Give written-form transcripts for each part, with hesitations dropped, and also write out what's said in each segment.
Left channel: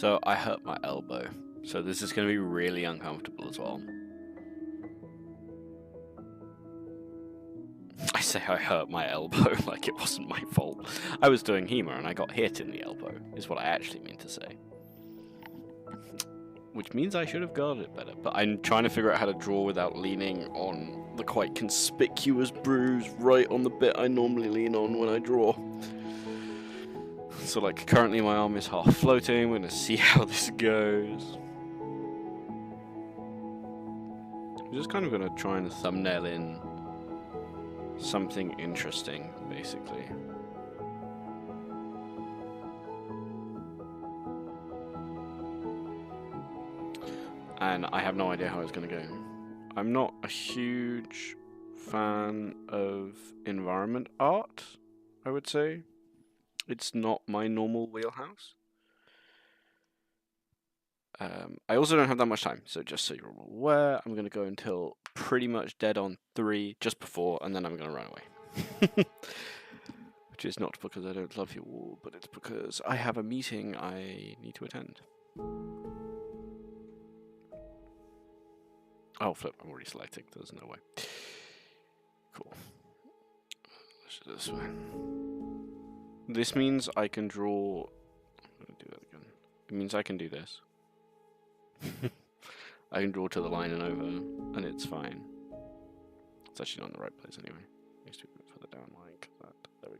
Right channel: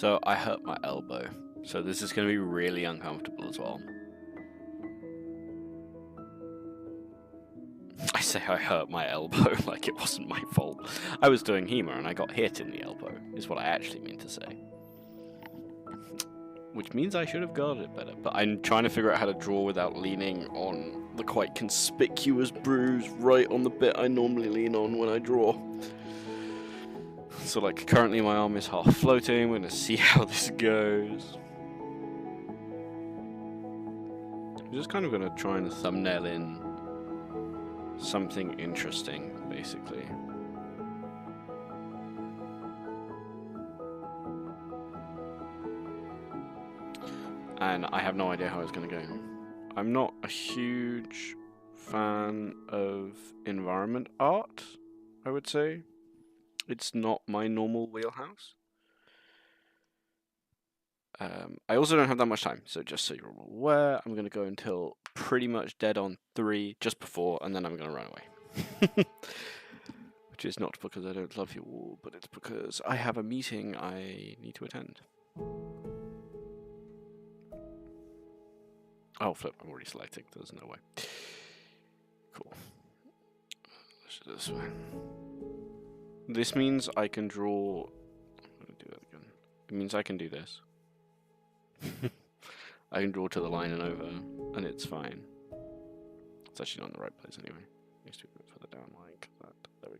So I hurt my elbow. So this is going to be really uncomfortable as well. I say I hurt my elbow like it wasn't my fault. I was doing HEMA and I got hit in the elbow, is what I actually mean to say. Which means I should have guarded it better, but I'm trying to figure out how to draw without leaning on the quite conspicuous bruise right on the bit I normally lean on when I draw. So like currently my arm is half floating, we're gonna see how this goes. I'm just kind of gonna try and thumbnail in something interesting, basically. And I have no idea how it's gonna go. I'm not a huge fan of environment art, I would say. It's not my normal wheelhouse. I also don't have that much time, so just so you're aware, I'm going to go until pretty much dead on 3 just before, and then I'm going to run away. Which is not because I don't love you all, but it's because I have a meeting I need to attend. Oh, flip, I'm already selecting, there's no way. Cool. Let's do this way. This means I can draw... I'm going to do that again. It means I can do this. I can draw to the line and over, and it's fine. It's actually not in the right place anyway. It needs to be a bit further down like that. There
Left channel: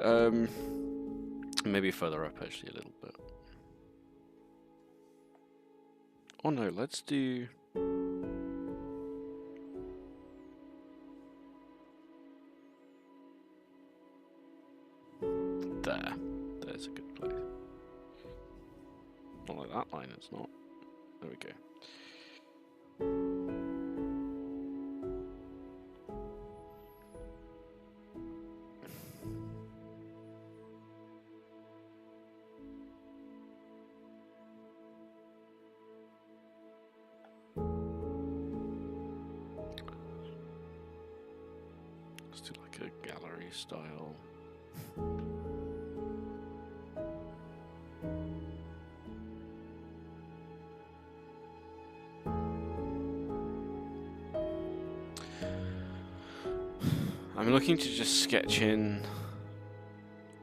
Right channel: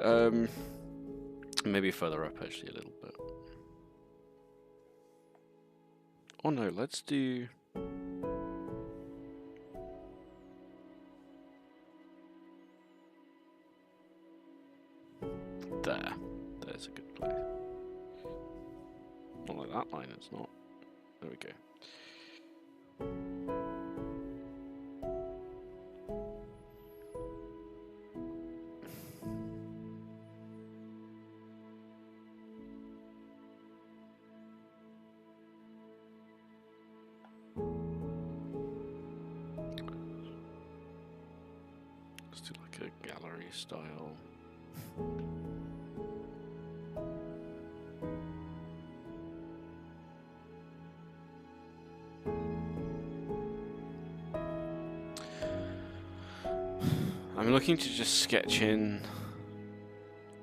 we go. Maybe further up actually a little bit. Oh no, let's do... There. There's a good place. Not like that line, it's not. There we go. Let's do like a gallery style. I'm looking to just sketch in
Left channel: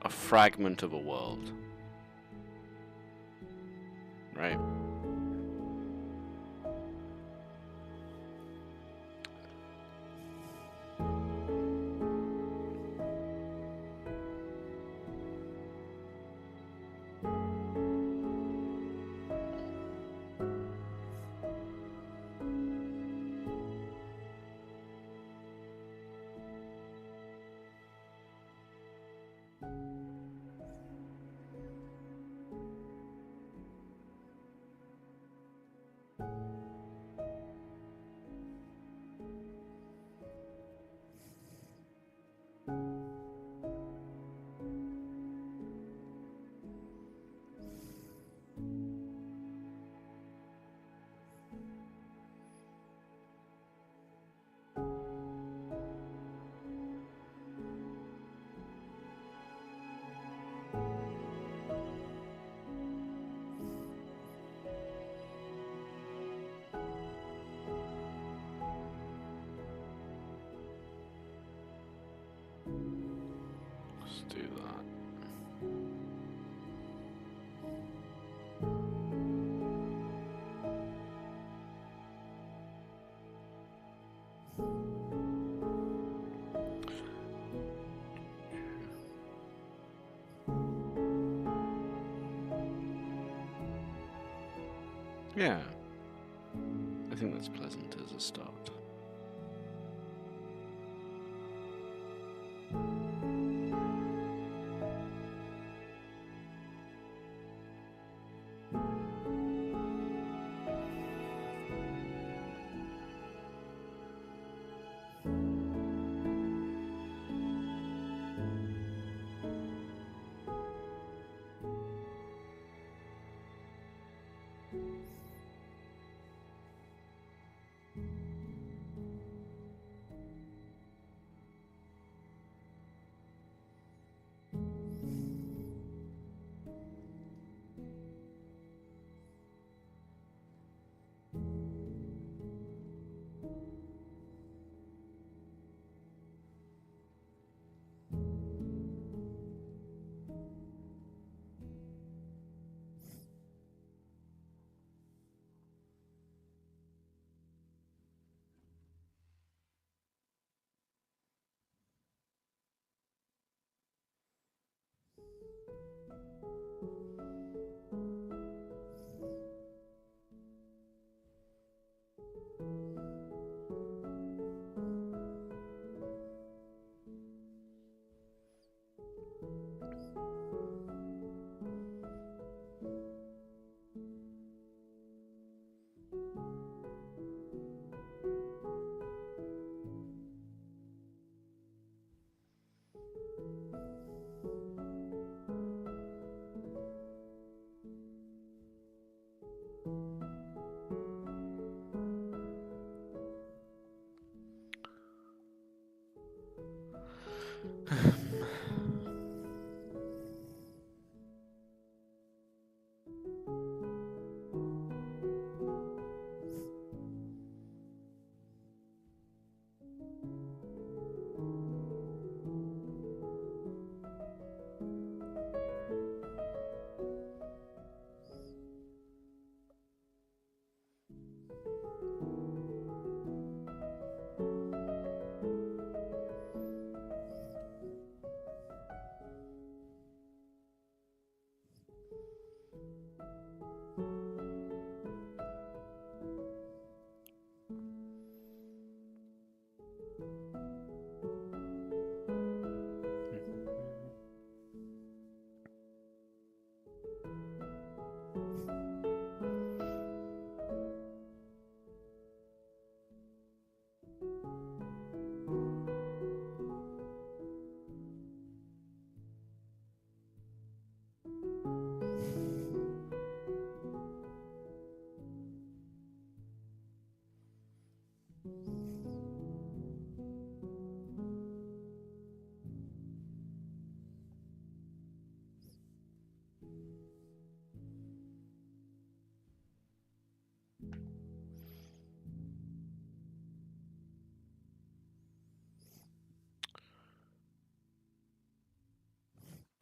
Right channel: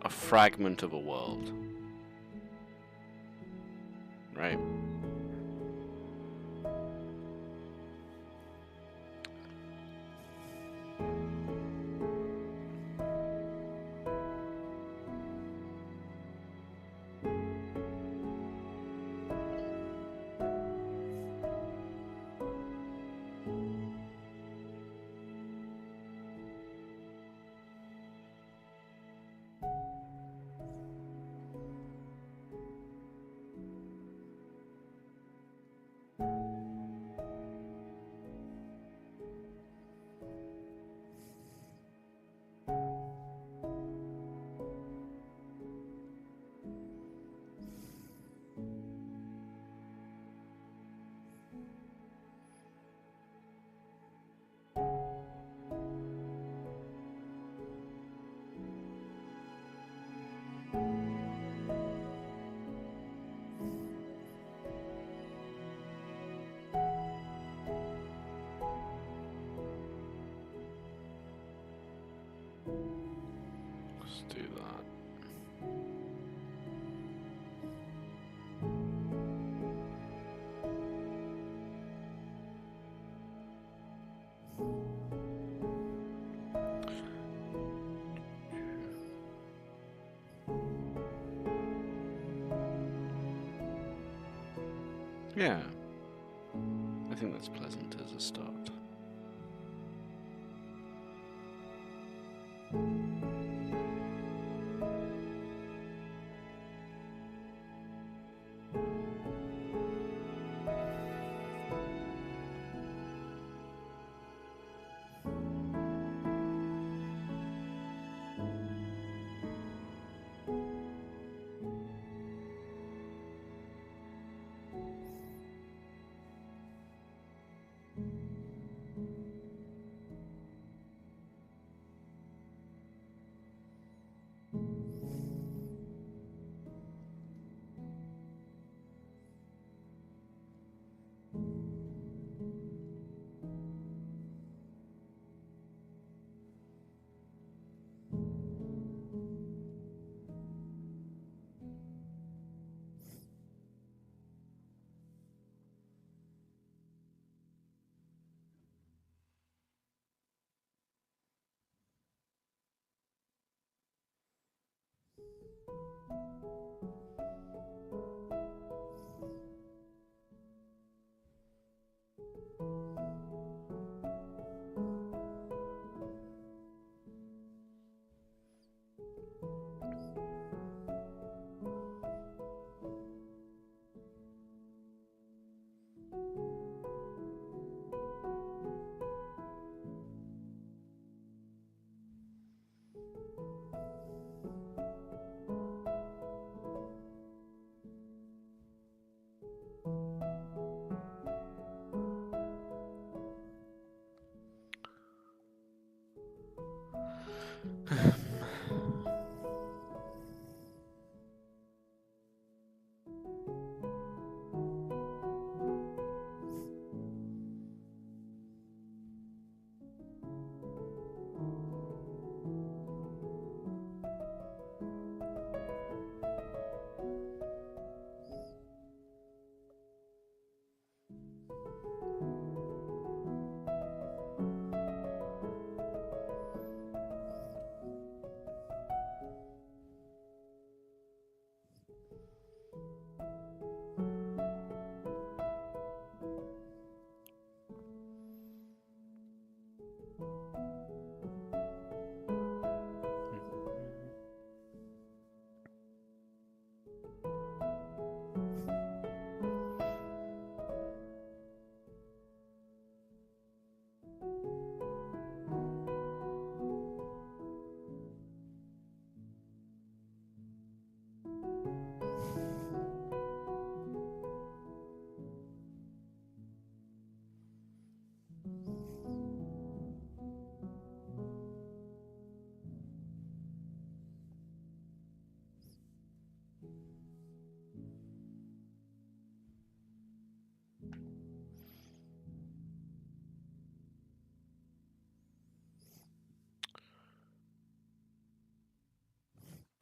a fragment of a world. Right? Let's do that. Yeah. I think that's pleasant as a start.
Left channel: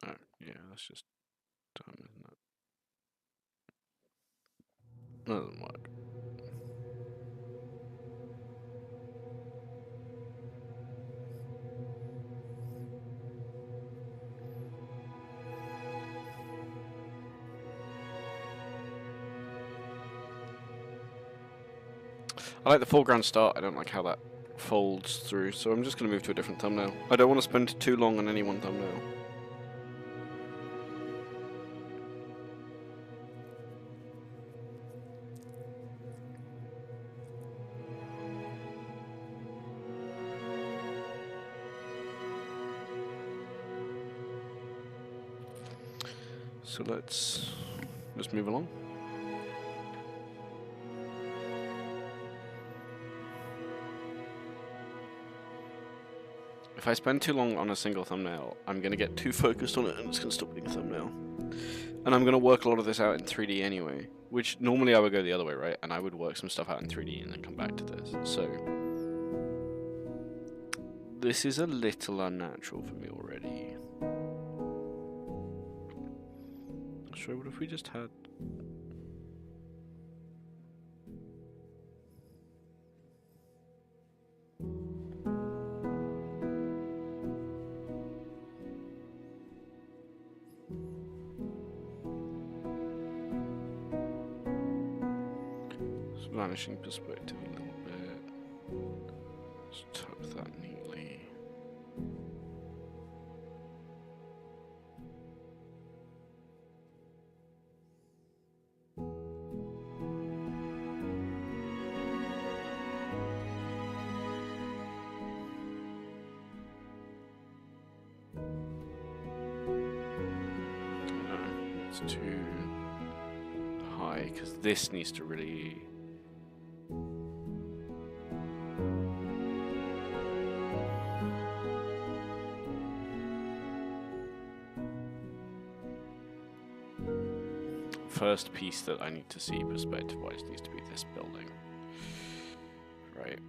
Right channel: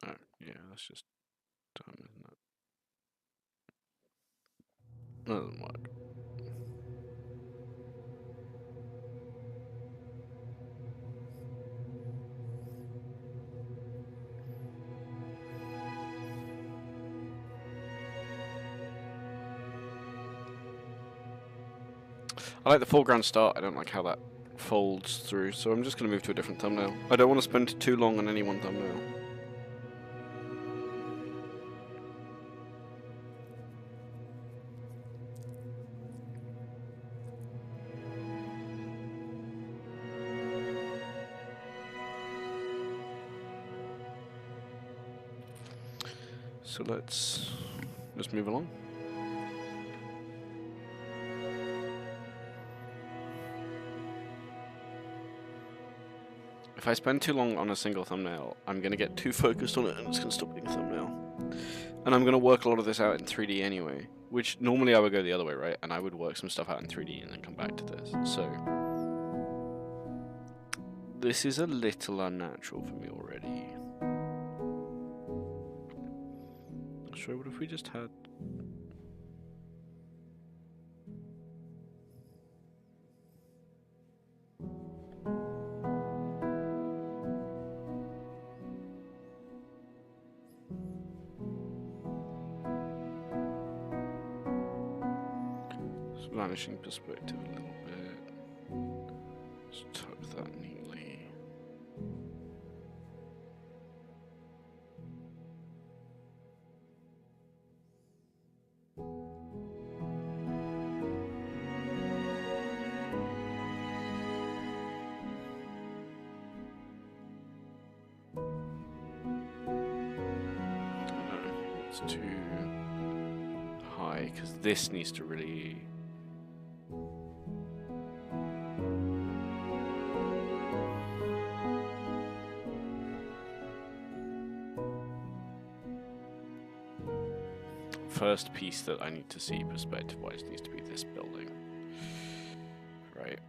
Oh, yeah, that's just dumb, isn't it? That doesn't work. I like the foreground start. I don't like how that folds through, so I'm just going to move to a different thumbnail. I don't want to spend too long on any one thumbnail. So let's just move along. If I spend too long on a single thumbnail, I'm going to get too focused on it and it's going to stop being a thumbnail. And I'm going to work a lot of this out in 3D anyway, which normally I would go the other way, right? And I would work some stuff out in 3D and then come back to this. So this is a little unnatural for me already. So what if we just had... vanishing perspective a little bit. Just tuck that neatly. No, it's too high because this needs to really... First piece that I need to see perspective-wise needs to be this building. Right.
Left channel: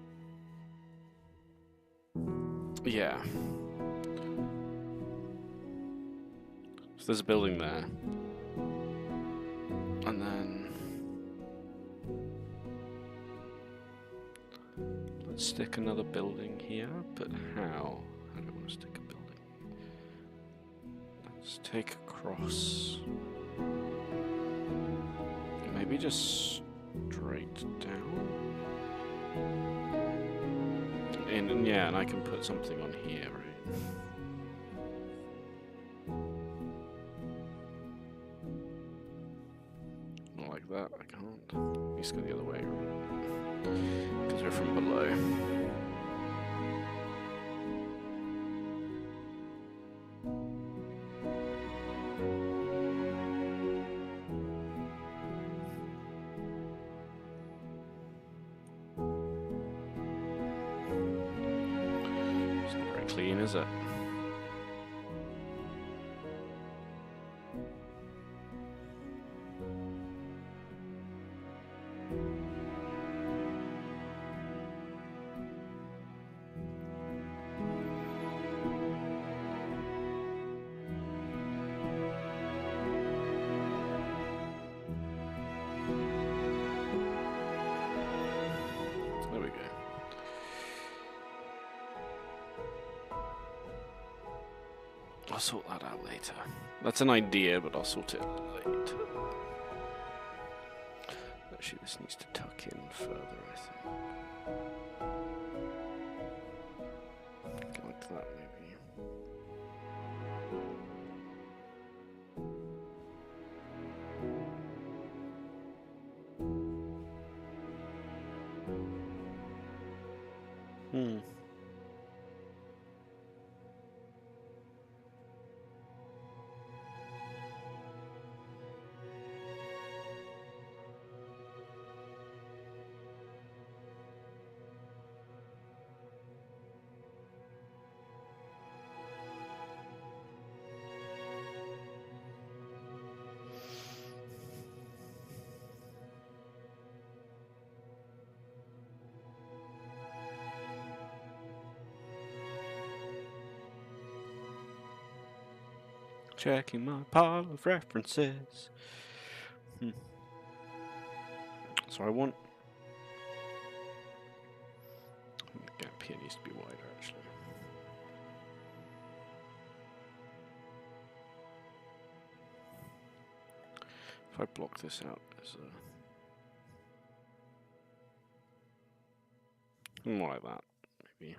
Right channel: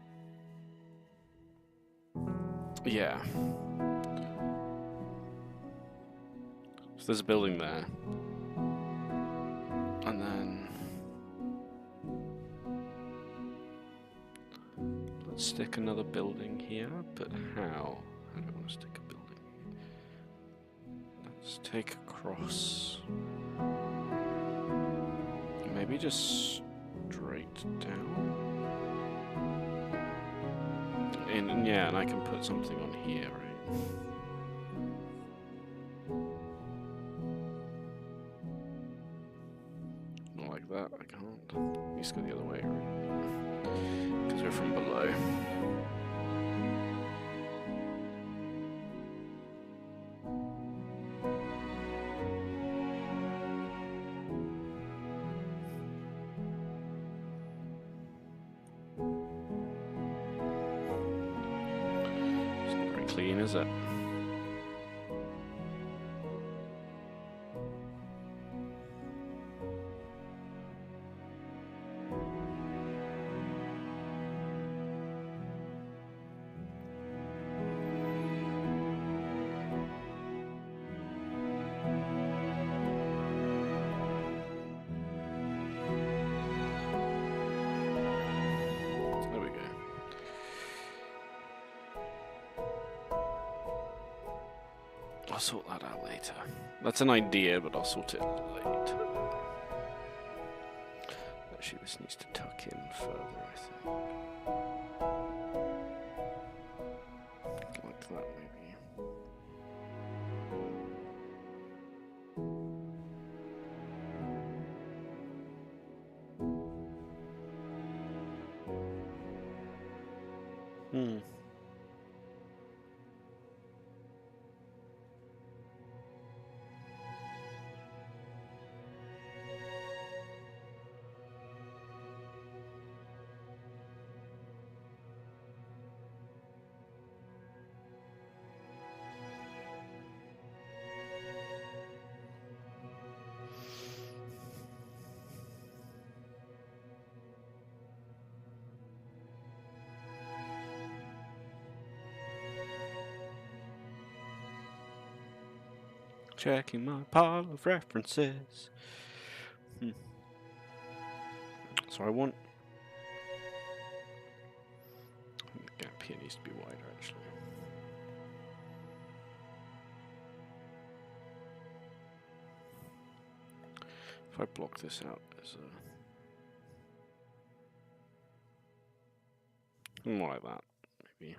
Yeah. So there's a building there. And then... let's stick another building here, but how? I don't want to stick a building. Let's take across. Maybe just straight down. And yeah, and I can put something on here, right? Not like that, I can't. Needs to go the other way, right? Because we're from below. It's not very clean, is it? There we go. I'll sort that out later. That's an idea, but I'll sort it later. Actually, this needs to tuck in further, I think. Like that, maybe. Checking my pile of references. So I want... The gap here needs to be wider, actually. If I block this out as a... more like that, maybe.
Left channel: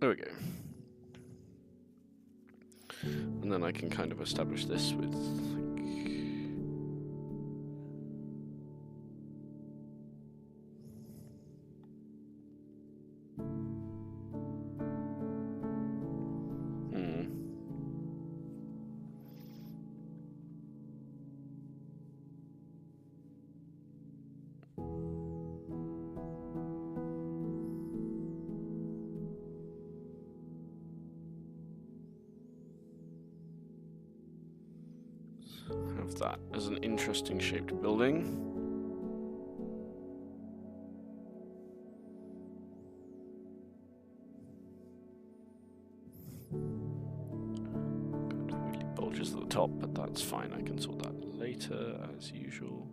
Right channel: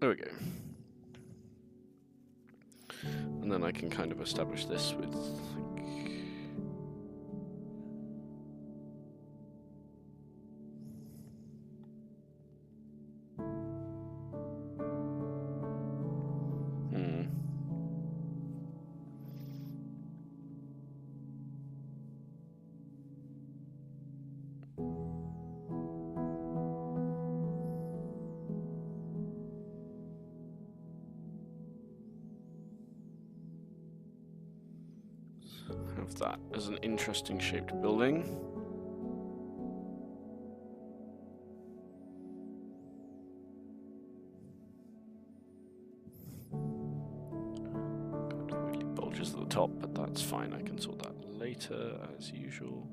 There we go. And then I can kind of establish this with, like... have that as an interesting shaped building. Kind of weirdly bulges at the top, but that's fine. I can sort that later, as usual.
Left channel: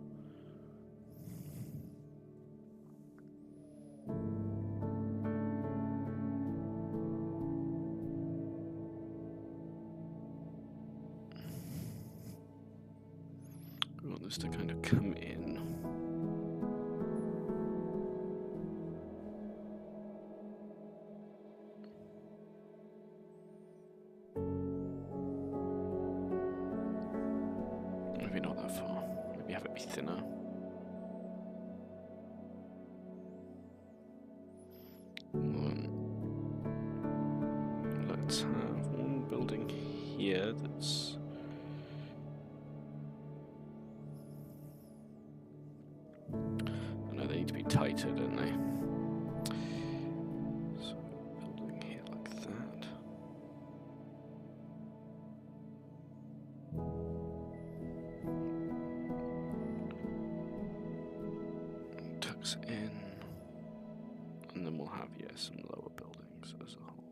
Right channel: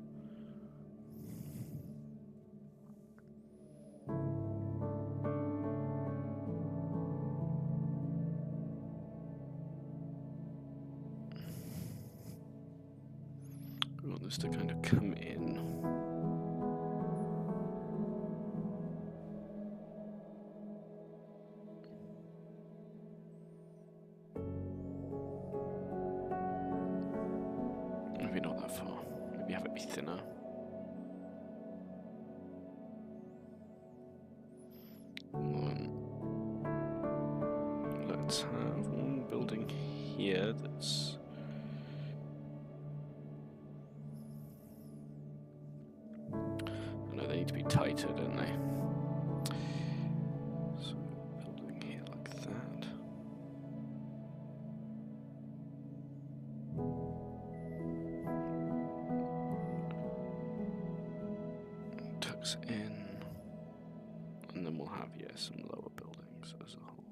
We want this to kind of come in. Maybe not that far. Maybe have it be thinner. Let's have one building here that's... I know they need to be tighter, don't they? So, building here like that. Tucks in. And then we'll have, yeah, some lower buildings as a whole.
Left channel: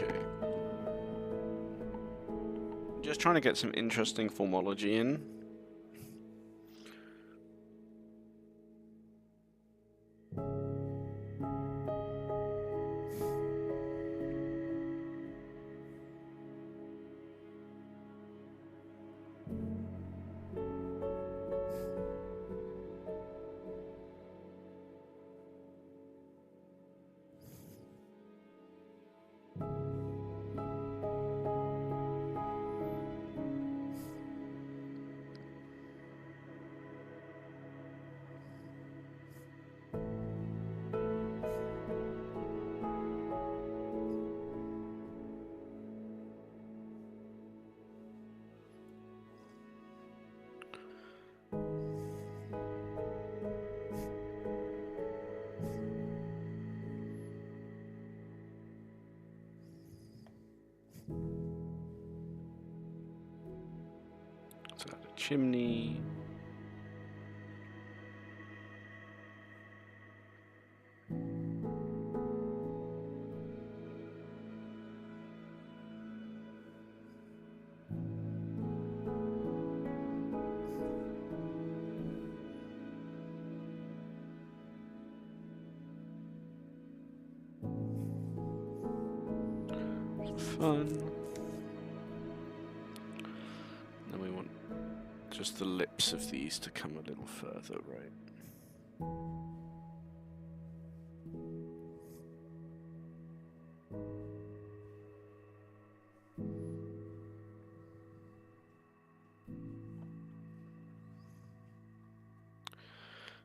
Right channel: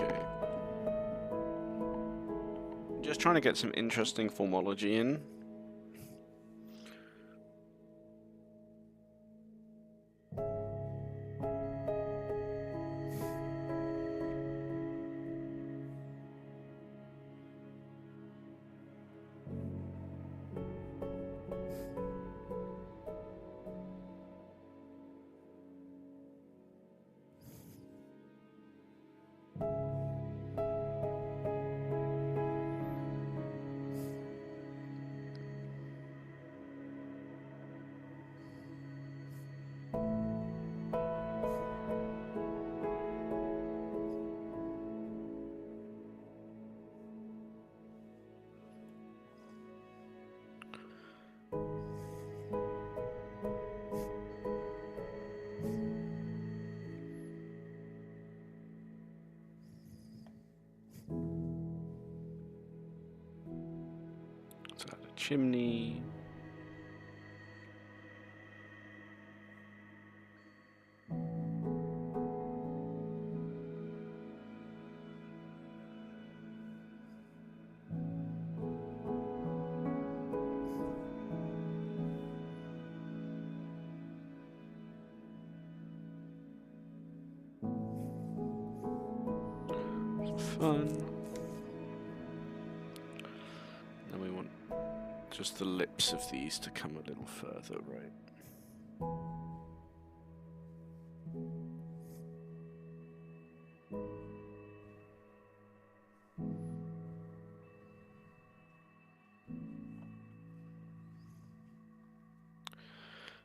Okay. Just trying to get some interesting formology in. Let's add a chimney. Fun. Then we want just the lips of these to come a little further, right?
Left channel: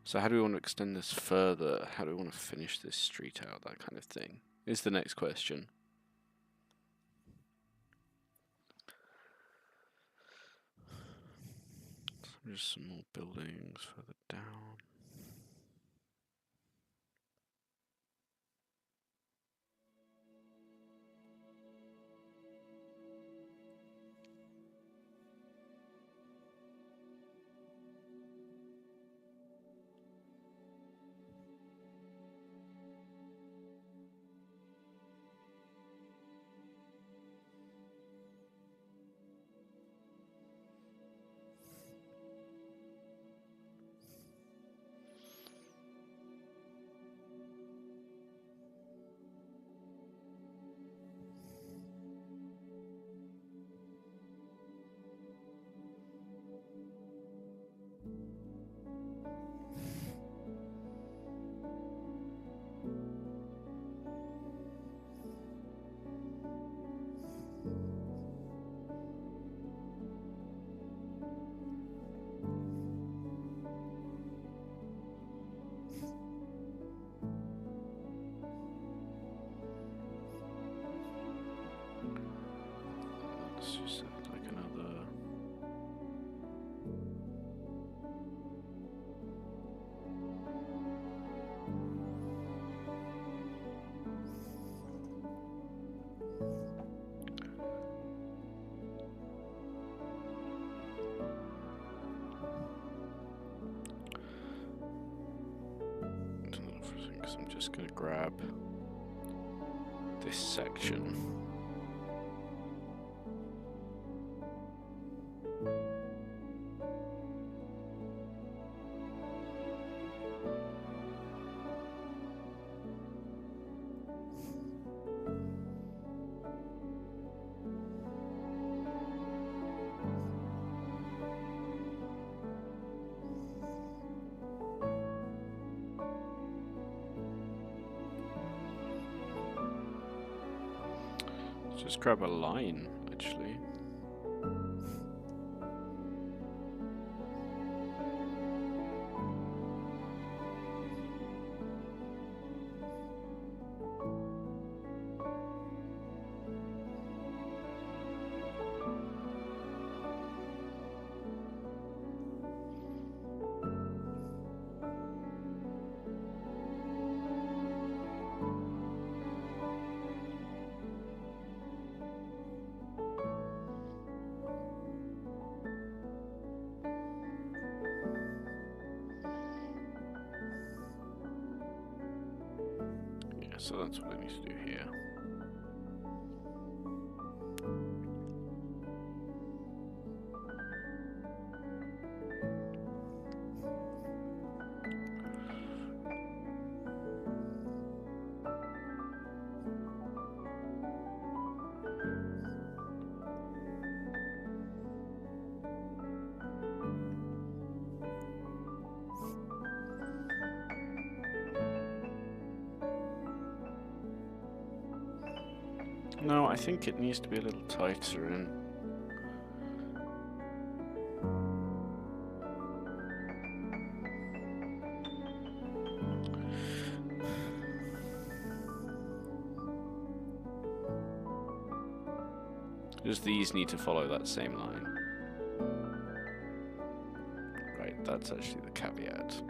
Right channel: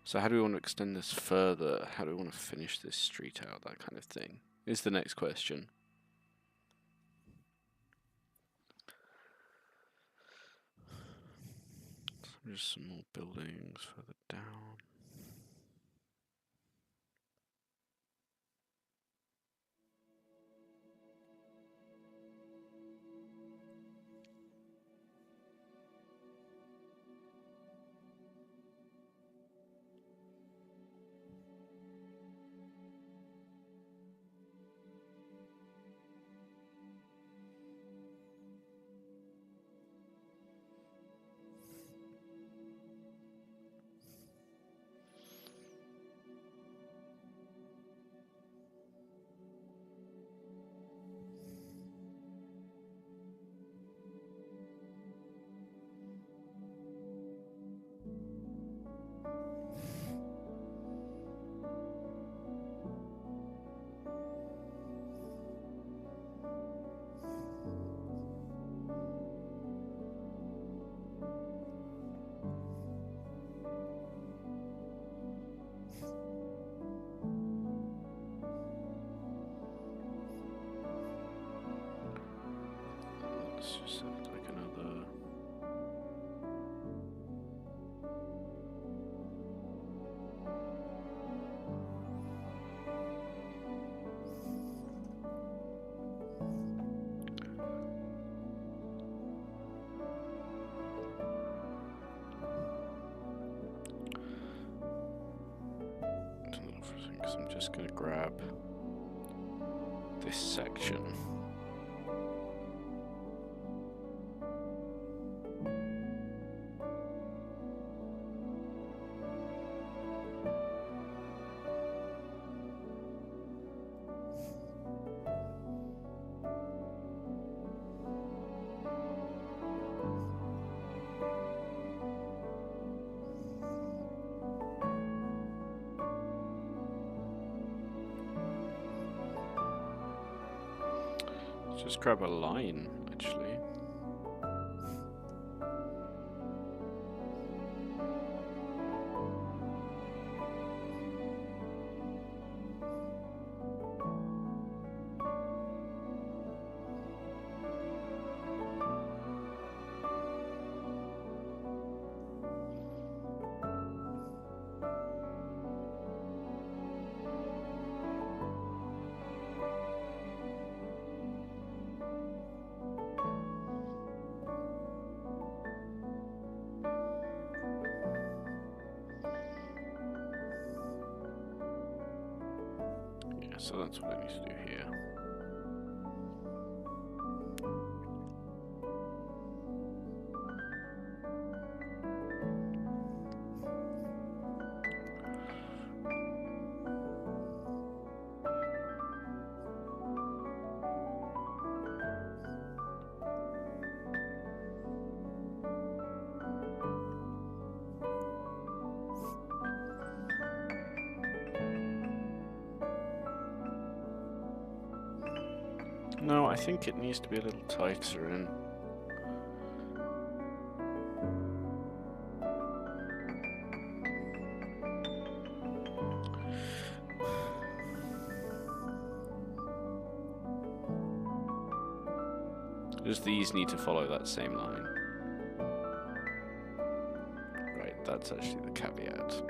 So how do we want to extend this further? How do we want to finish this street out? That kind of thing is the next question. Just some more buildings further down. Let's just have like another. Because I'm just going to grab this section. Just grab a line, actually. So that's what I need to do here. No, I think it needs to be a little tighter in. Just these need to follow that same line. Right, that's actually the caveat.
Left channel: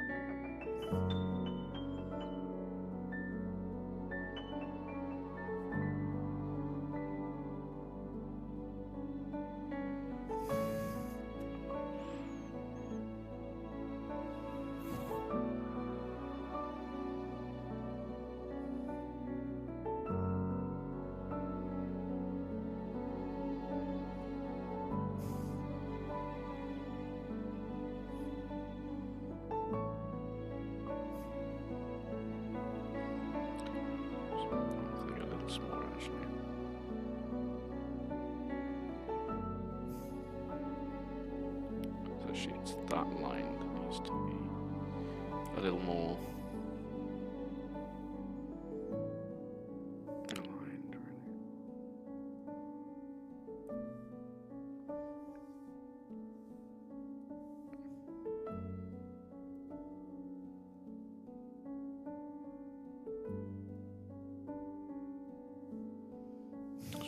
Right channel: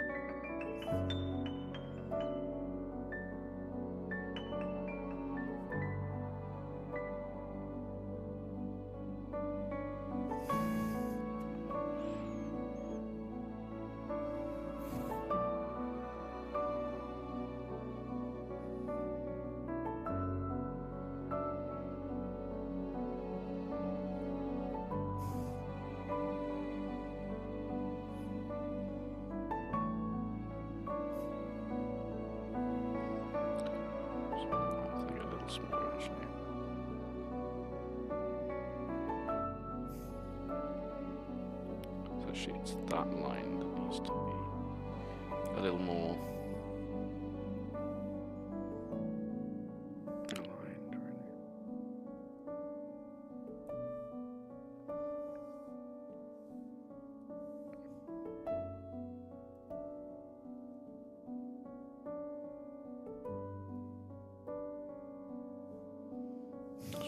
I think a little smaller actually. So actually it's that line that needs to be a little more aligned, really.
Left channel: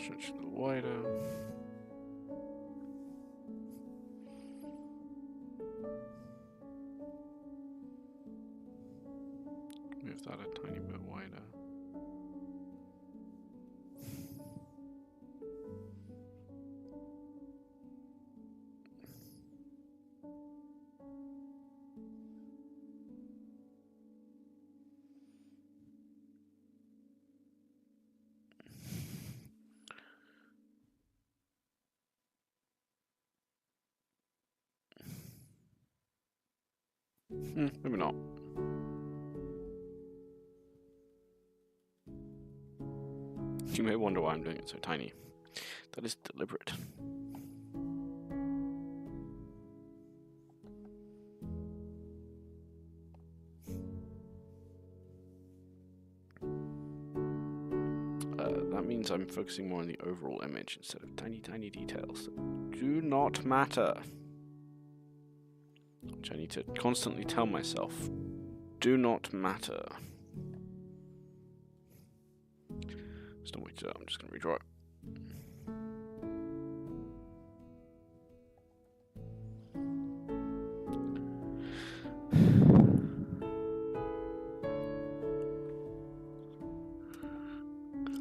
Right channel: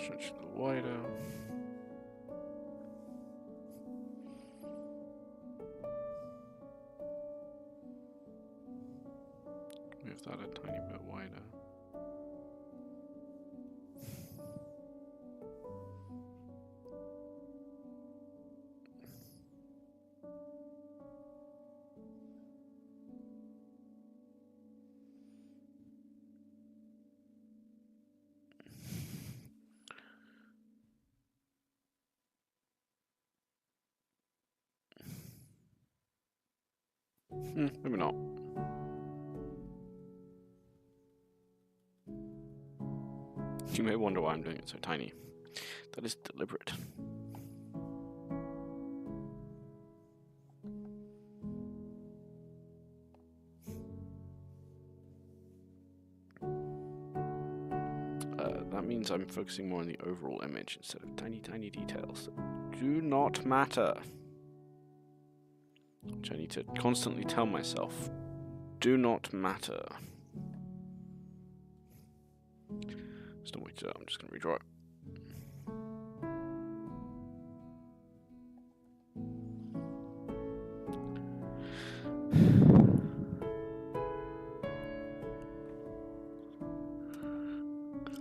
Stretch it a little wider. Move that a tiny bit wider. Maybe not. You may wonder why I'm doing it so tiny. That is deliberate. That means I'm focusing more on the overall image instead of tiny, tiny details that do not matter. Which I need to constantly tell myself do not matter. Just don't wait to I'm just going to redraw it.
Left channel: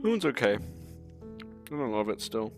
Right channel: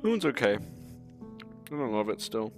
That one's okay. I don't love it still.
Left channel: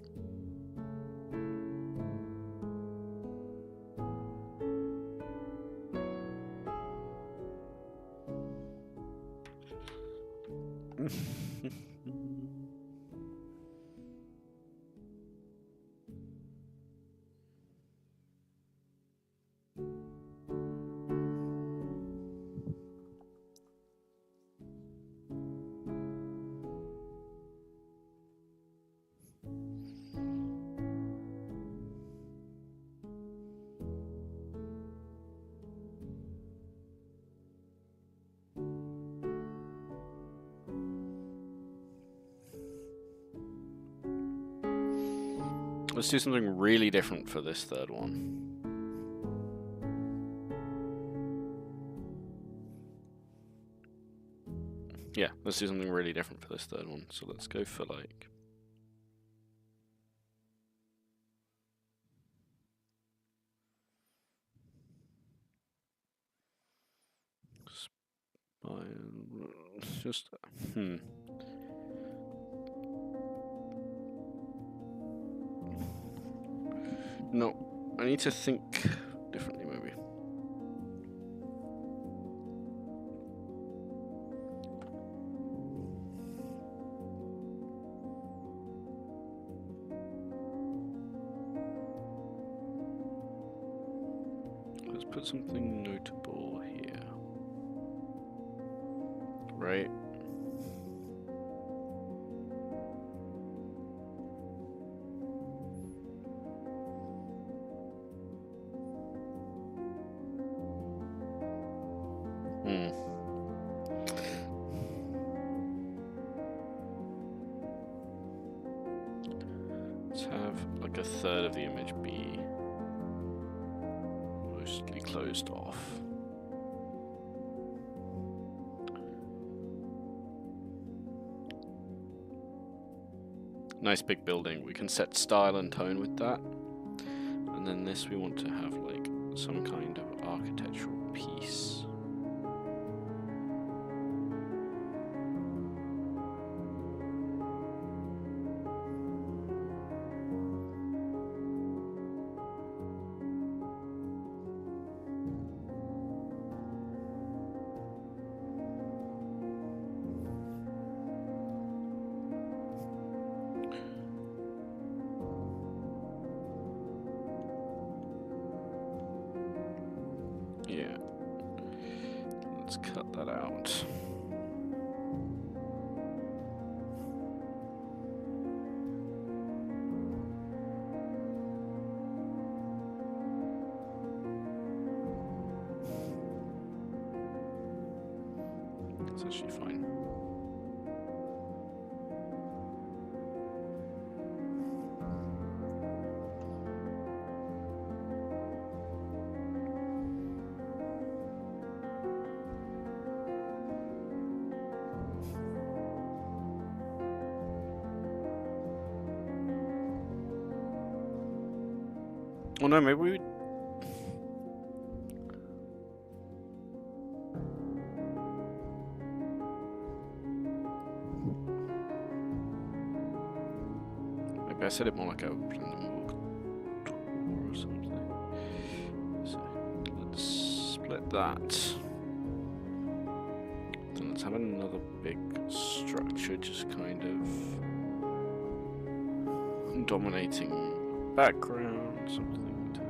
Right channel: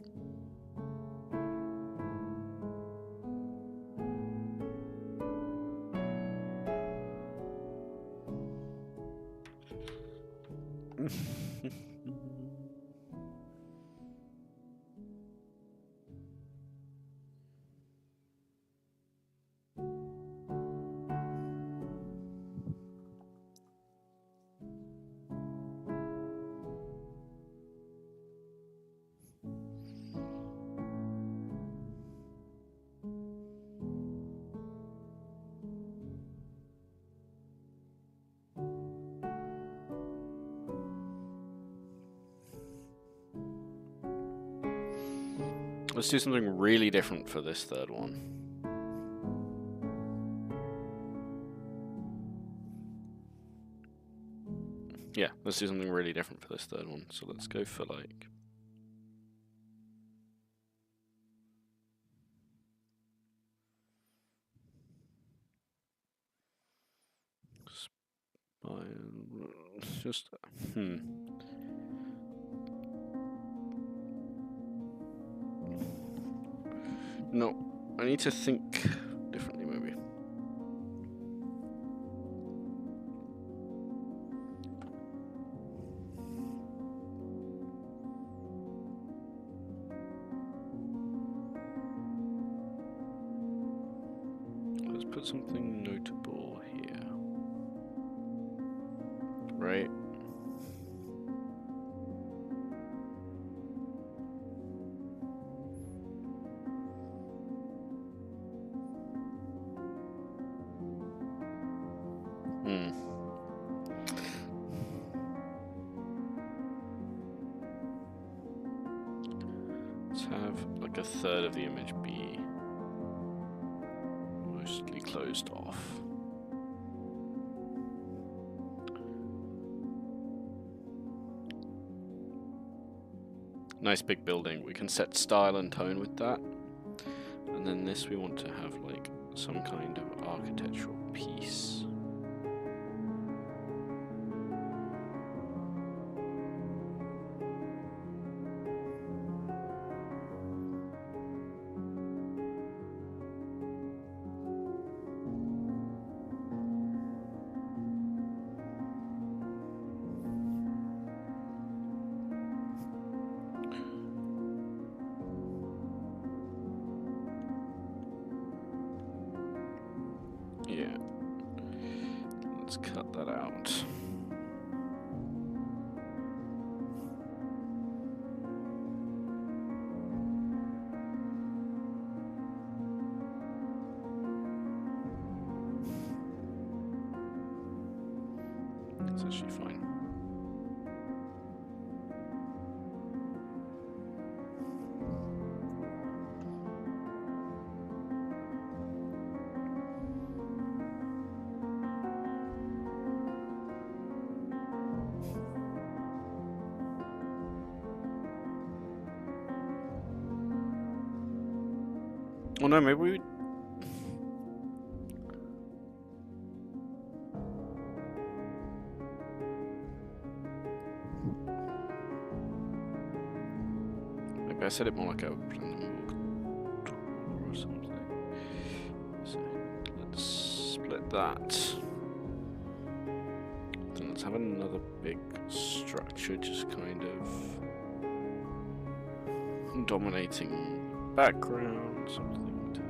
Let's do something really different for this third one. Yeah, let's do something really different for this third one. So let's go for like... just... No, I need to think differently, maybe. Let's put something notable here. Right? have like a third of the image be mostly closed off. Nice big building. We can set style and tone with that. And then this we want to have like some kind of architectural piece. Yeah, let's cut that out. That's actually fine. Oh no, maybe we... Maybe I said it more like a random tour or something. So let's split that. Then let's have another big structure just kind of dominating background, something to...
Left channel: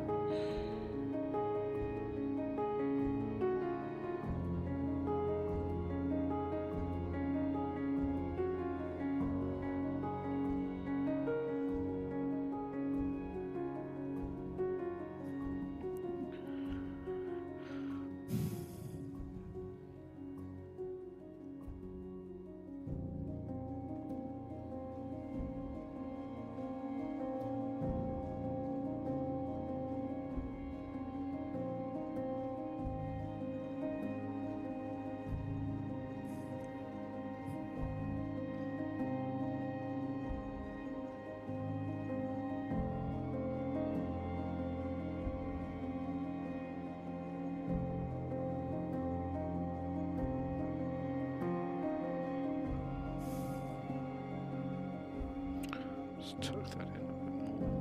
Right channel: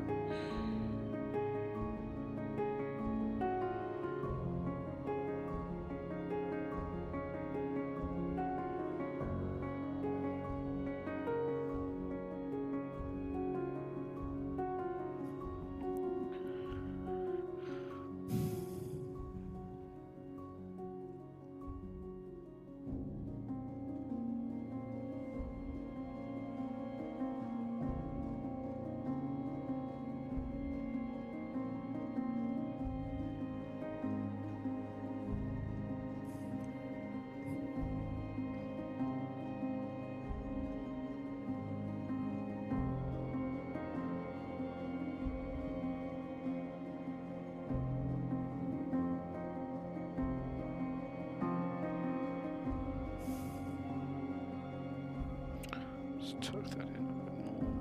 Let's tuck that in a bit more.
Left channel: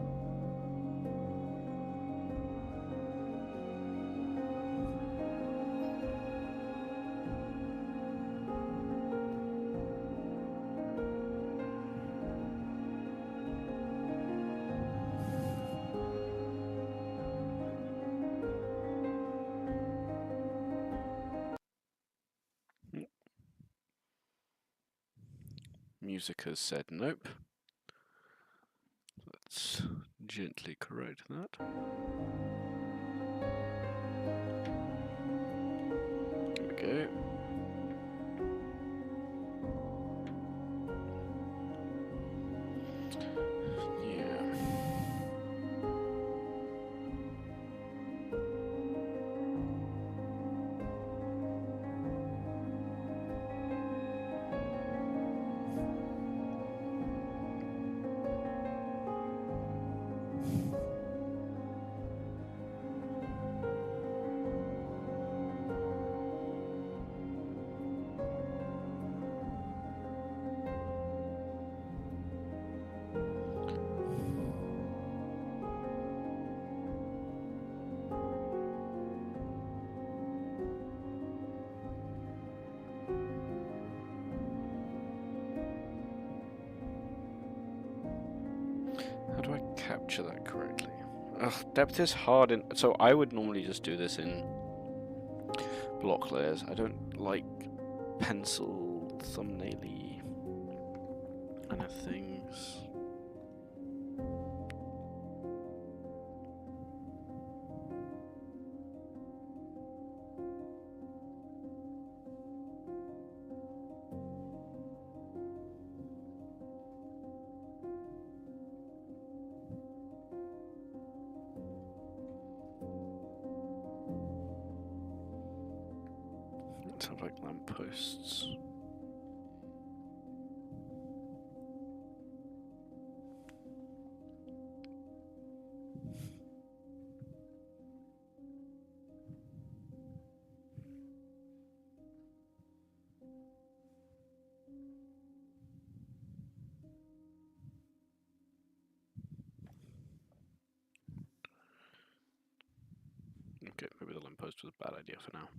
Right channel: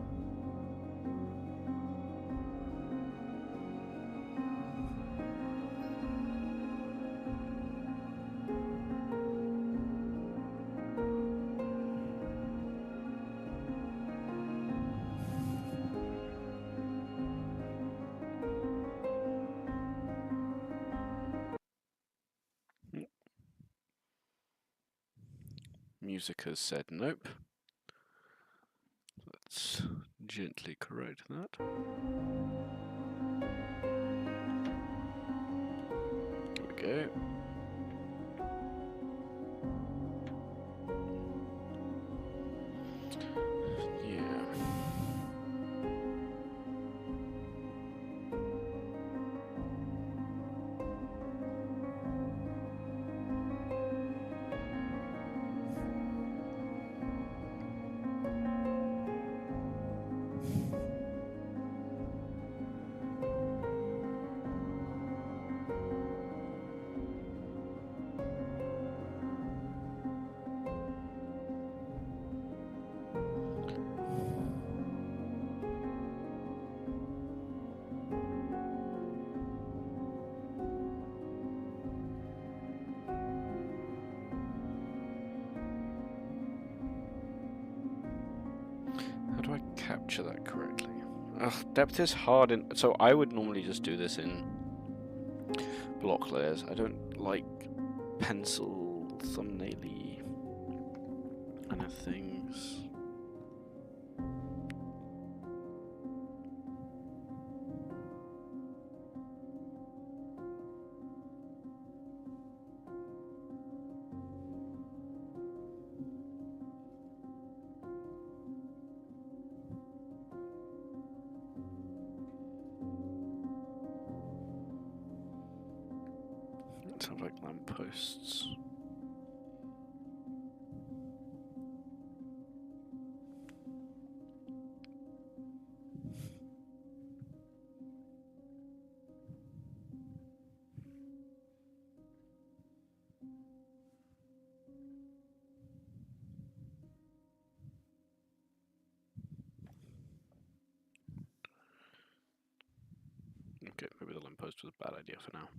Music has said nope. Let's gently correct that. There we go. Yeah. How do I capture that correctly? Ugh, depth is hard in... So I would normally just do this in block layers. I don't like pencil thumbnail-y kind of things. to have like lampposts. Okay, maybe the lamppost was a bad idea for now.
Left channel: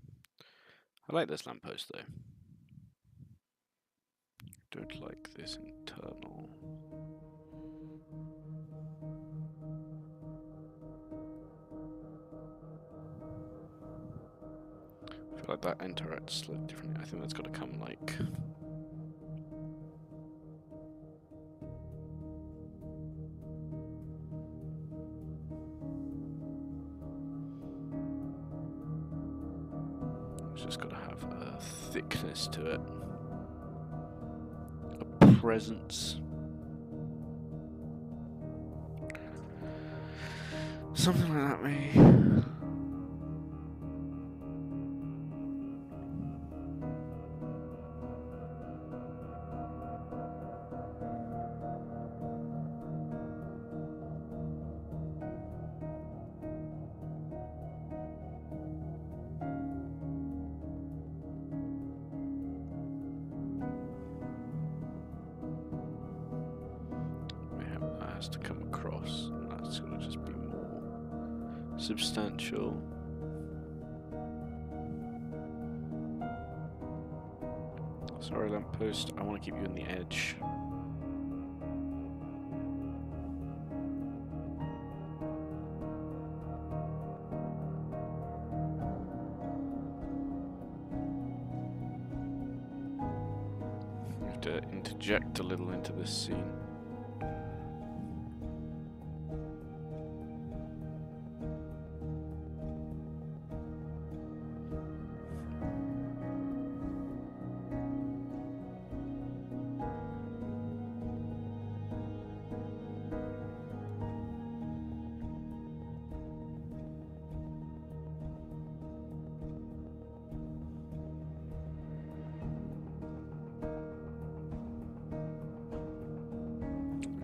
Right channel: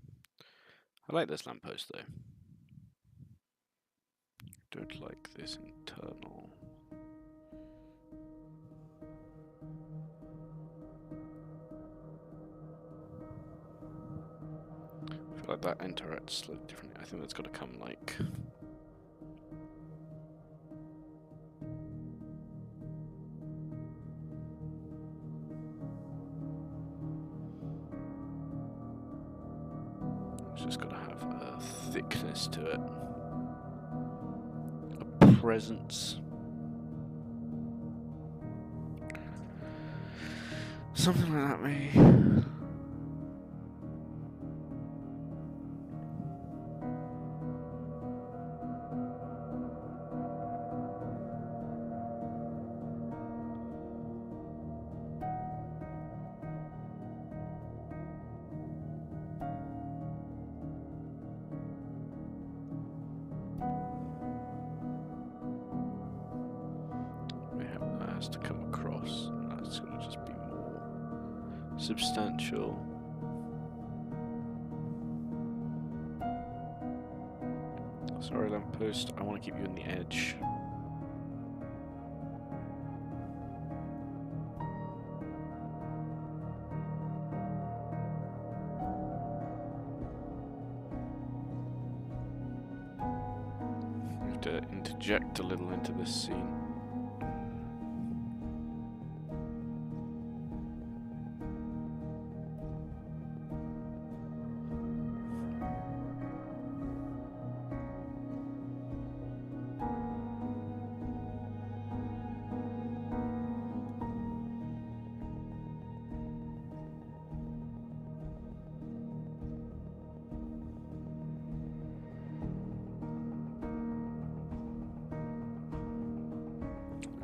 I like this lamppost though. Don't like this internal. I feel like that interacts slightly differently. I think that's got to come like. It's just got to have a thickness to it. A presence. Something like that, maybe. That has to come across, and that's going to just be more substantial. Sorry, lamppost, I want to keep you on the edge. We have to interject a little into this scene.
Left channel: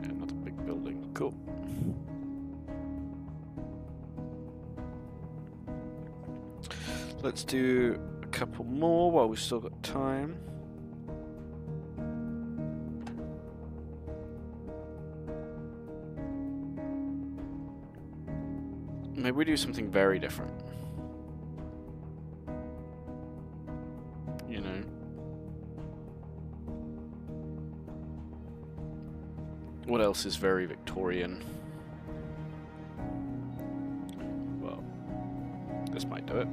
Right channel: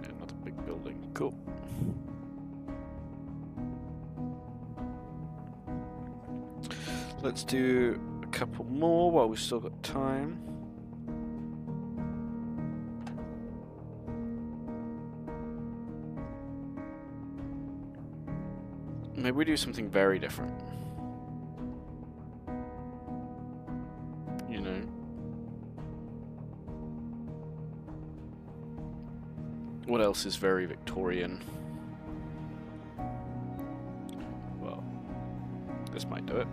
Another big building, cool. Let's do a couple more while we've still got time. Maybe we do something very different. You know? What else is very Victorian? Well, this might do it.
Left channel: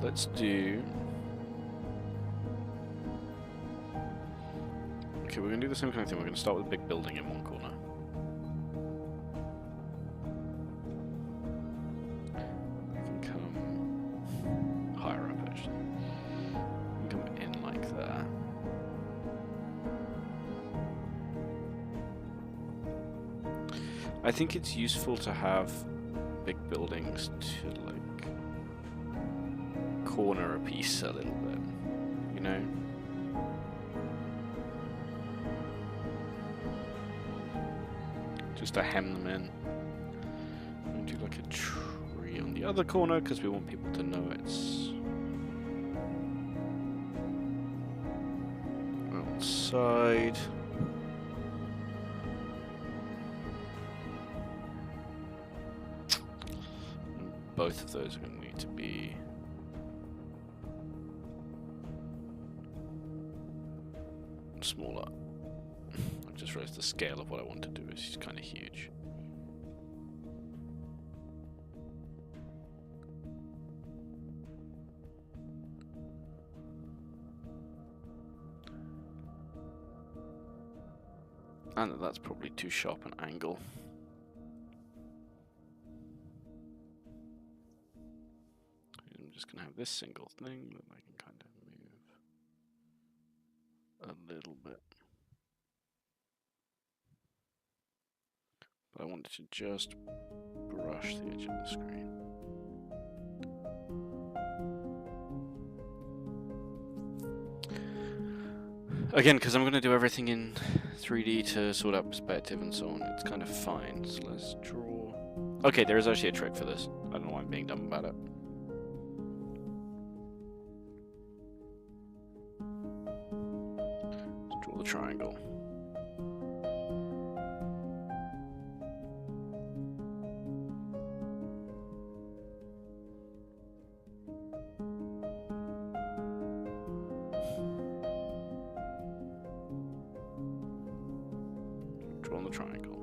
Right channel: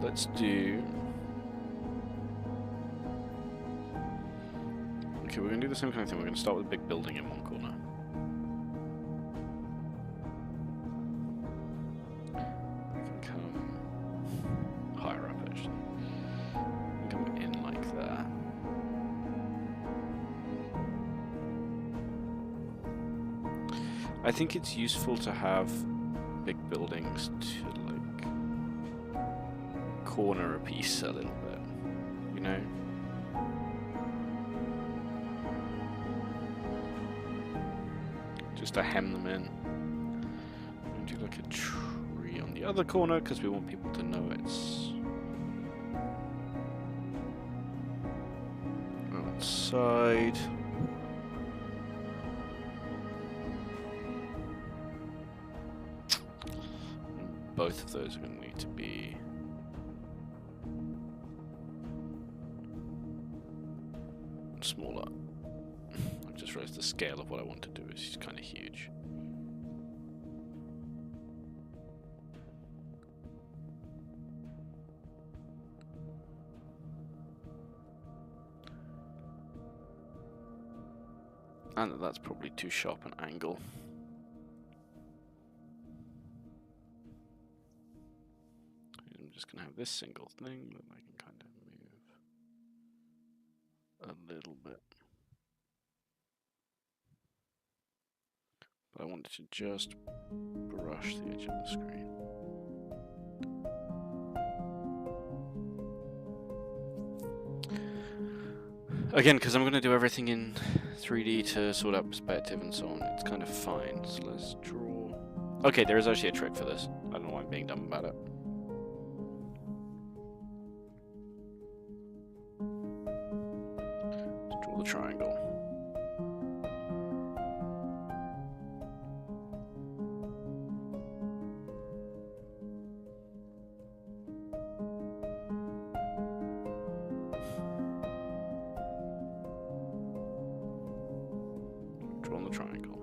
Let's do... Okay, we're going to do the same kind of thing. We're going to start with a big building in one corner. I can come higher up, actually. I can come in like that. I think it's useful to have big buildings to, like, corner a piece a little bit, you know? Just to hem them in. And do like a tree on the other corner because we want people to know it's outside. And both of those are going to need to be smaller. I just realized the scale of what I want to do is kind of huge. And that's probably too sharp an angle. I'm just going to have this single thing that I can kind of move a little bit. But I wanted to just brush the edge of the screen. Again, because I'm going to do everything in 3D to sort out perspective and so on, it's kind of fine. So let's draw... Okay, there is actually a trick for this. I don't know why I'm being dumb about it. Let's draw the triangle. Drawn the triangle.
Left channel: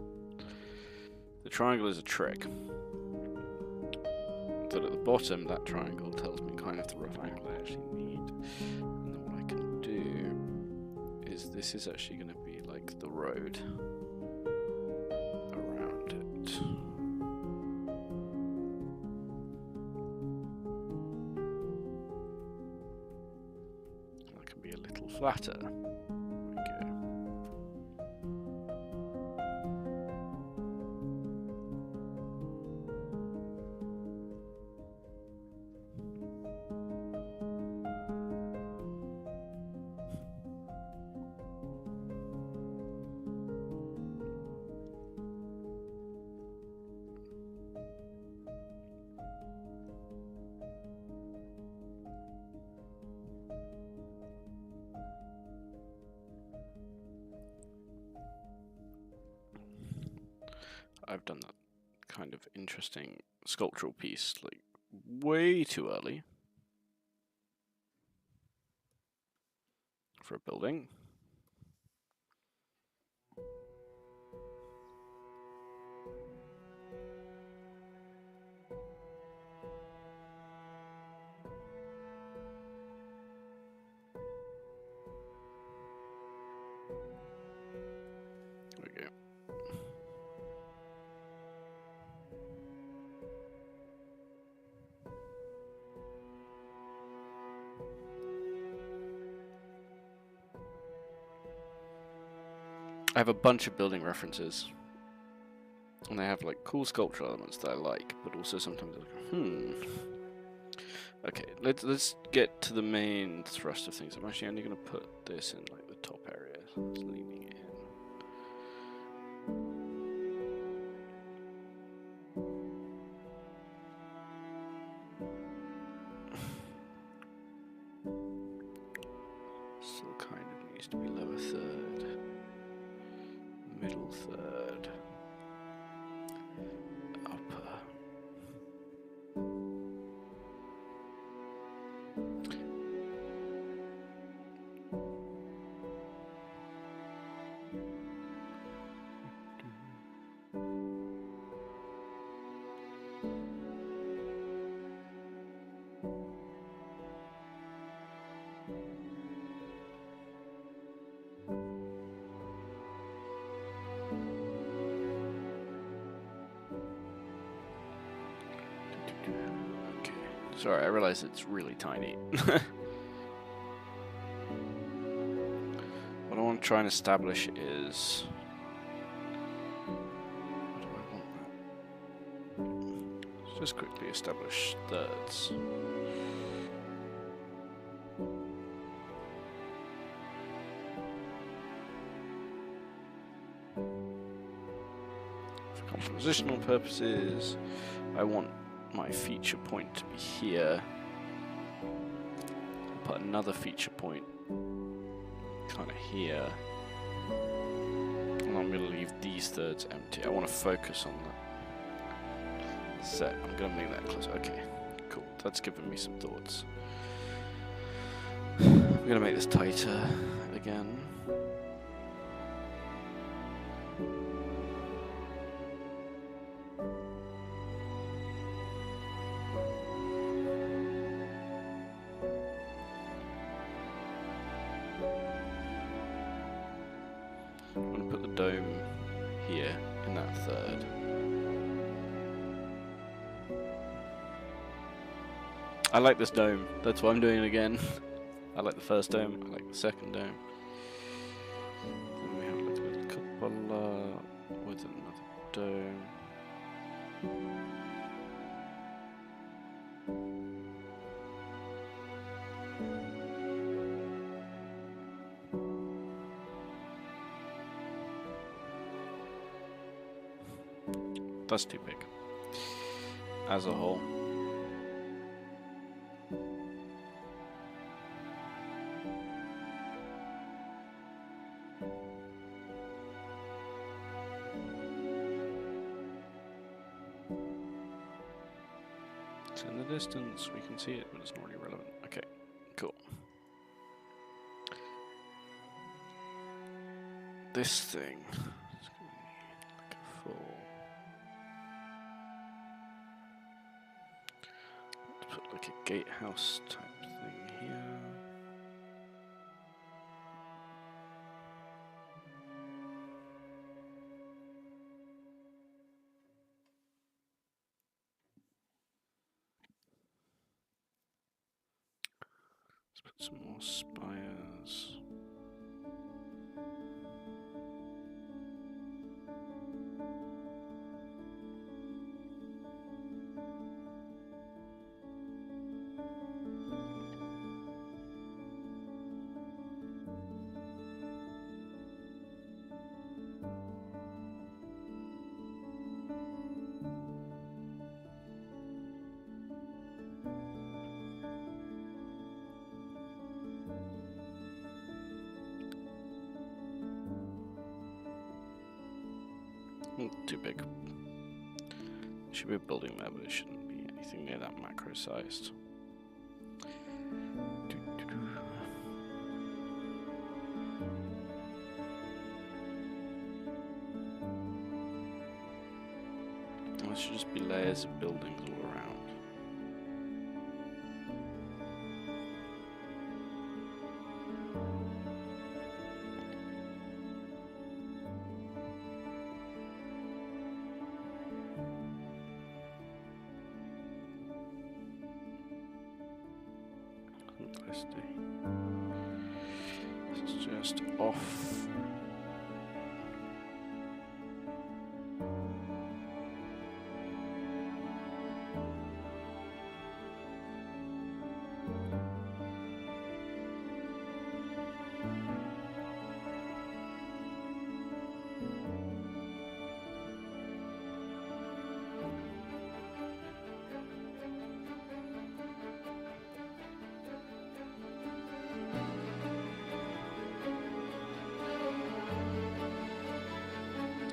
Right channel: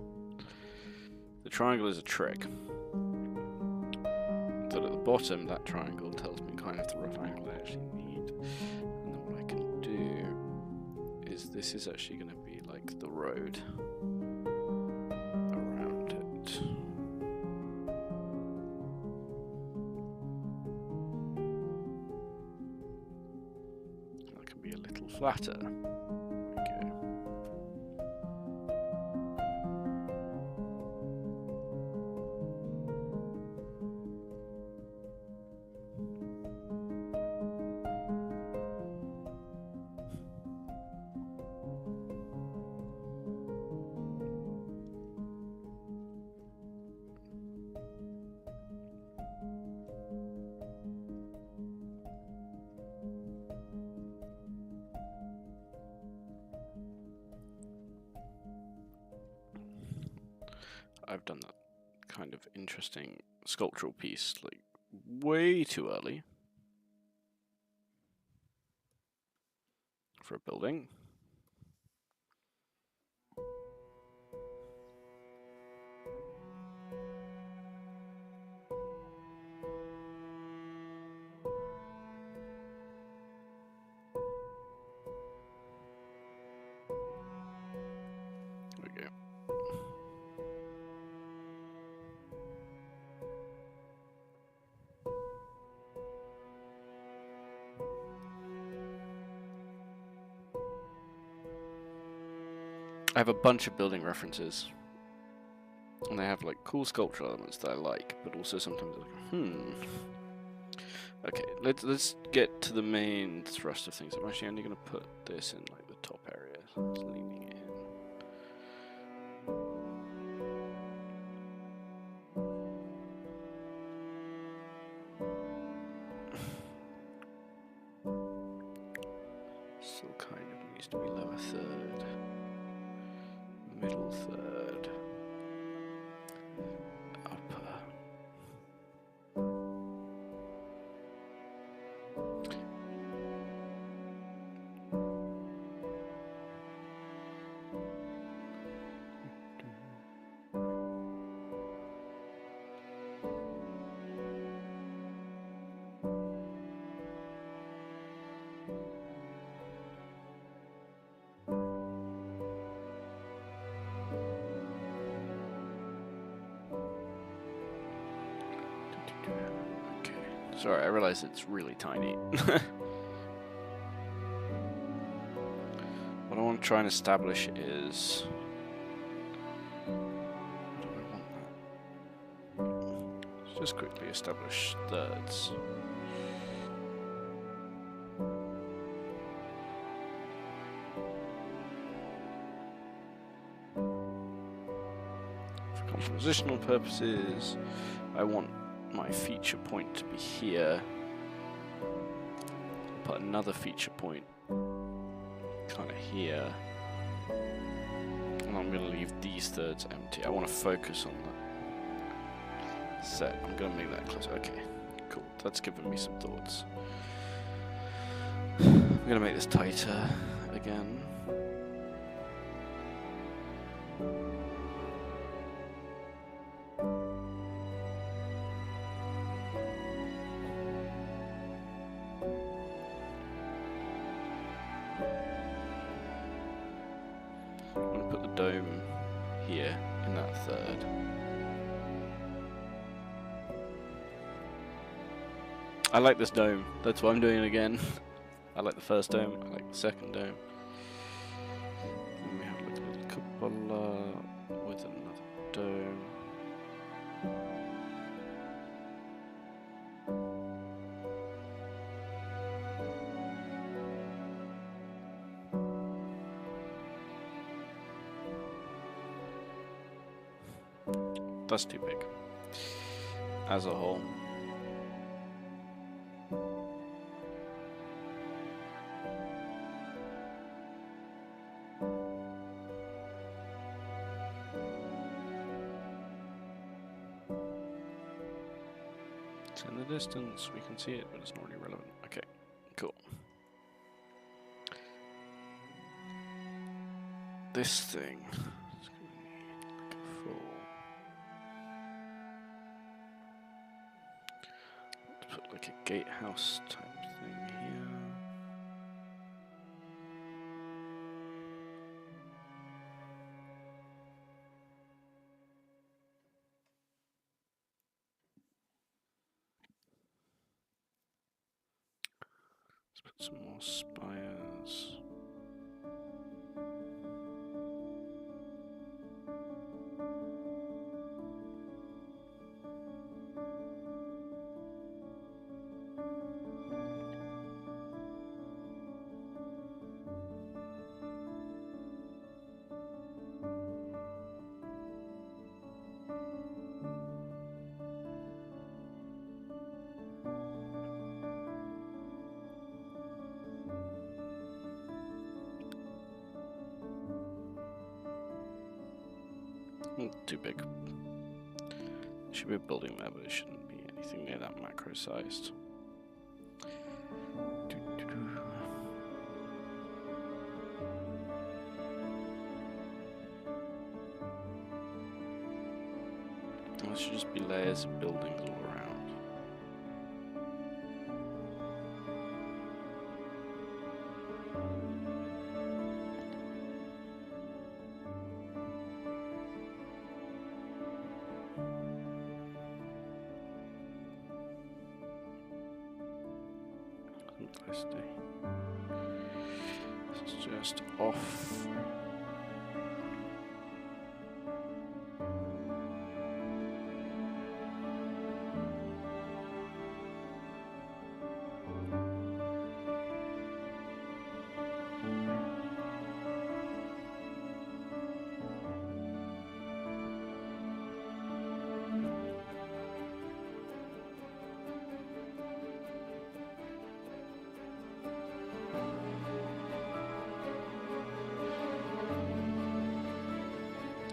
The triangle is a trick. So at the bottom, that triangle tells me kind of the rough angle I actually need. And then what I can do is this is actually going to be like the road around it. That can be a little flatter. I've done that kind of interesting sculptural piece like way too early for a building. There we go. I have a bunch of building references, and they have like cool sculptural elements that I like, but also sometimes like, Okay, let's get to the main thrust of things. I'm actually only going to put this in like the top area, it's leaning in. Still kind of needs to be lower third, middle third, upper. Okay, sorry, I realize it's really tiny. What I want to try and establish is... How do I want that? Let's just quickly establish thirds. For compositional purposes, I want my feature point to be here. I'll put another feature point kind of here. And I'm going to leave these thirds empty. I want to focus on that set. I'm going to make that closer. Okay, cool. That's given me some thoughts. I'm going to make this tighter again. I'm going to put the dome here in that third. I like this dome. That's what I'm doing again. I like the first dome. I like the second dome. Then we have like a little cupola with another dome. That's too big. As a whole. It's in the distance, we can see it, but it's not really relevant. Okay, cool. This thing is going to need like a full... Let's put like a gatehouse type thing here. Let's put some more spires. Too big. Should be a building there, but it shouldn't be anything near that macro sized. There should just be layers of buildings all around. This is just off.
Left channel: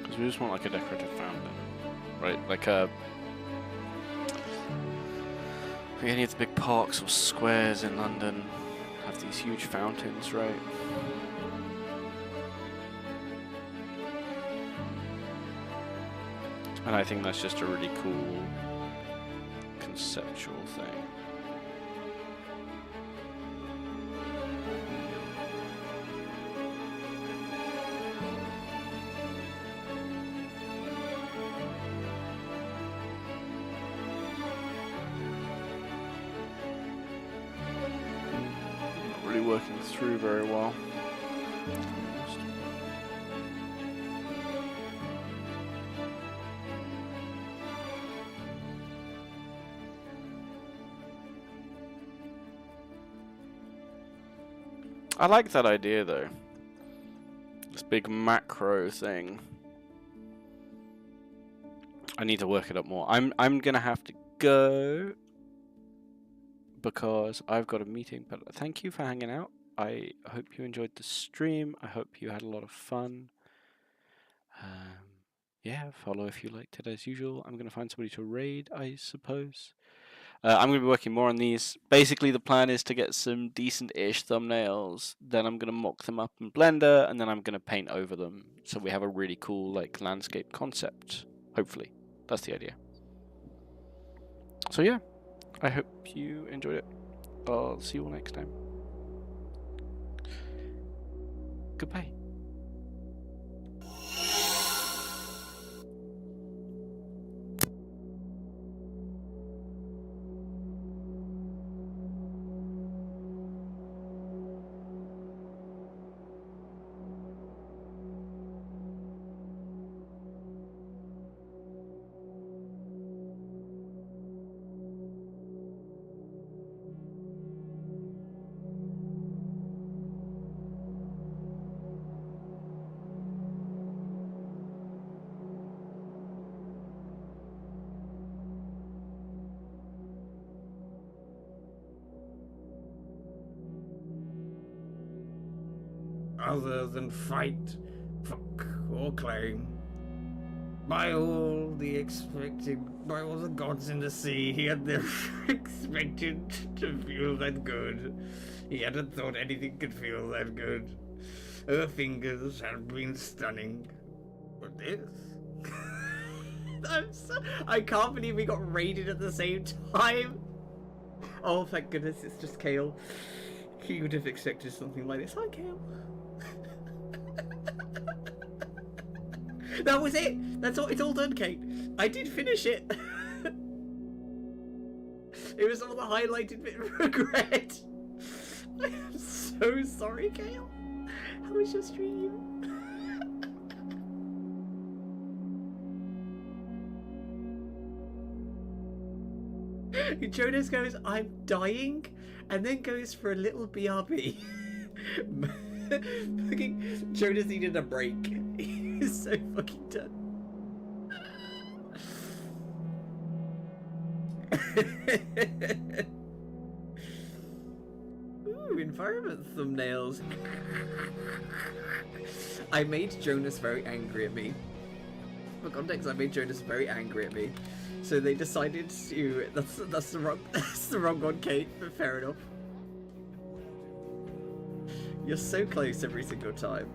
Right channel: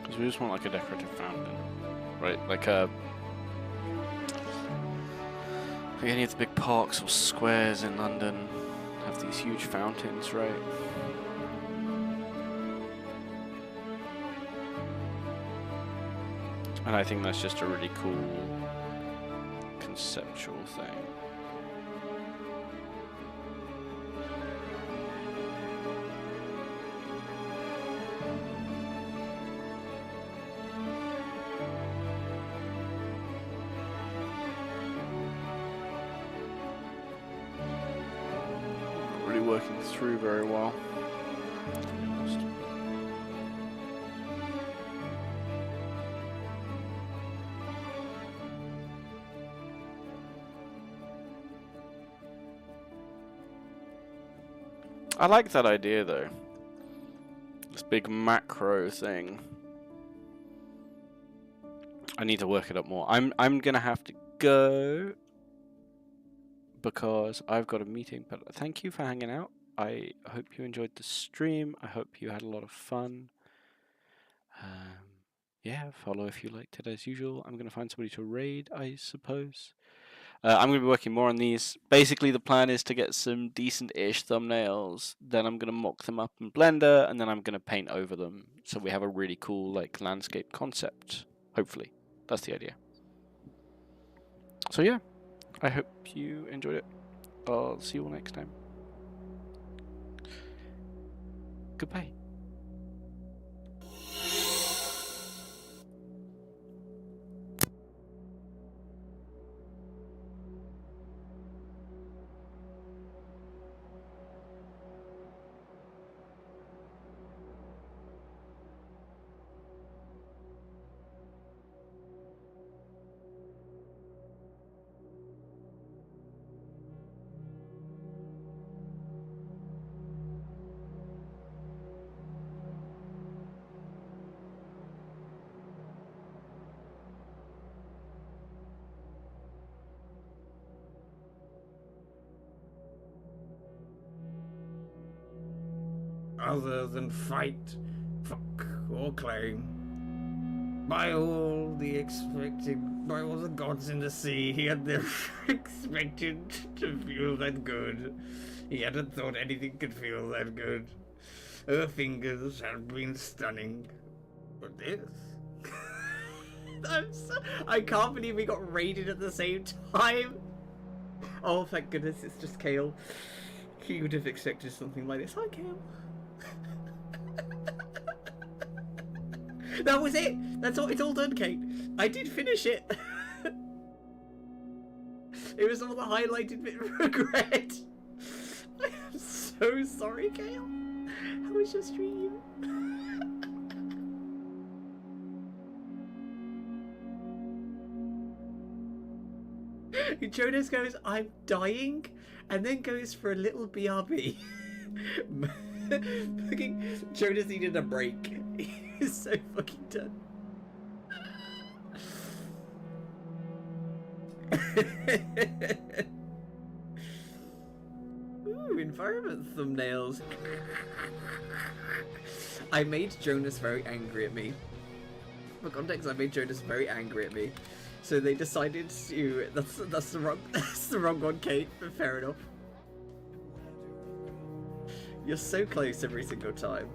Because we just want like a decorative fountain, right? Like any of the big parks or squares in London have these huge fountains, right? And I think that's just a really cool conceptual thing. Not really working through very well, to be honest. I like that idea though. This big macro thing. I need to work it up more. I'm gonna have to go because I've got a meeting, but thank you for hanging out. I hope you enjoyed the stream. I hope you had a lot of fun. Yeah, follow if you liked it as usual. I'm gonna find somebody to raid, I suppose. I'm going to be working more on these. Basically, the plan is to get some decent-ish thumbnails. Then I'm going to mock them up in Blender, and then I'm going to paint over them. So we have a really cool like landscape concept, hopefully. That's the idea. So yeah, I hope you enjoyed it. I'll see you all next time. Goodbye. other than fight, fuck, or claim. By all the gods in the sea, he had never expected to feel that good. He hadn't thought anything could feel that good. Her fingers had been stunning. But this... I can't believe we got raided at the same time. Oh, thank goodness, it's just Kale. He would have expected something like this. Hi, Kale. That was it. That's all. It's all done, Kate. I did finish it. It was all the highlighted bit of regret. I am so sorry, Kale. How was your stream? Jonas goes, I'm dying, and then goes for a little BRB. Fucking Jonas needed a break. He's so fucking done. Ooh, environment thumbnails. I made Jonas very angry at me. For context, I made Jonas very angry at me. So they decided to... That's the wrong one, Kate, but fair enough. You're so close every single time.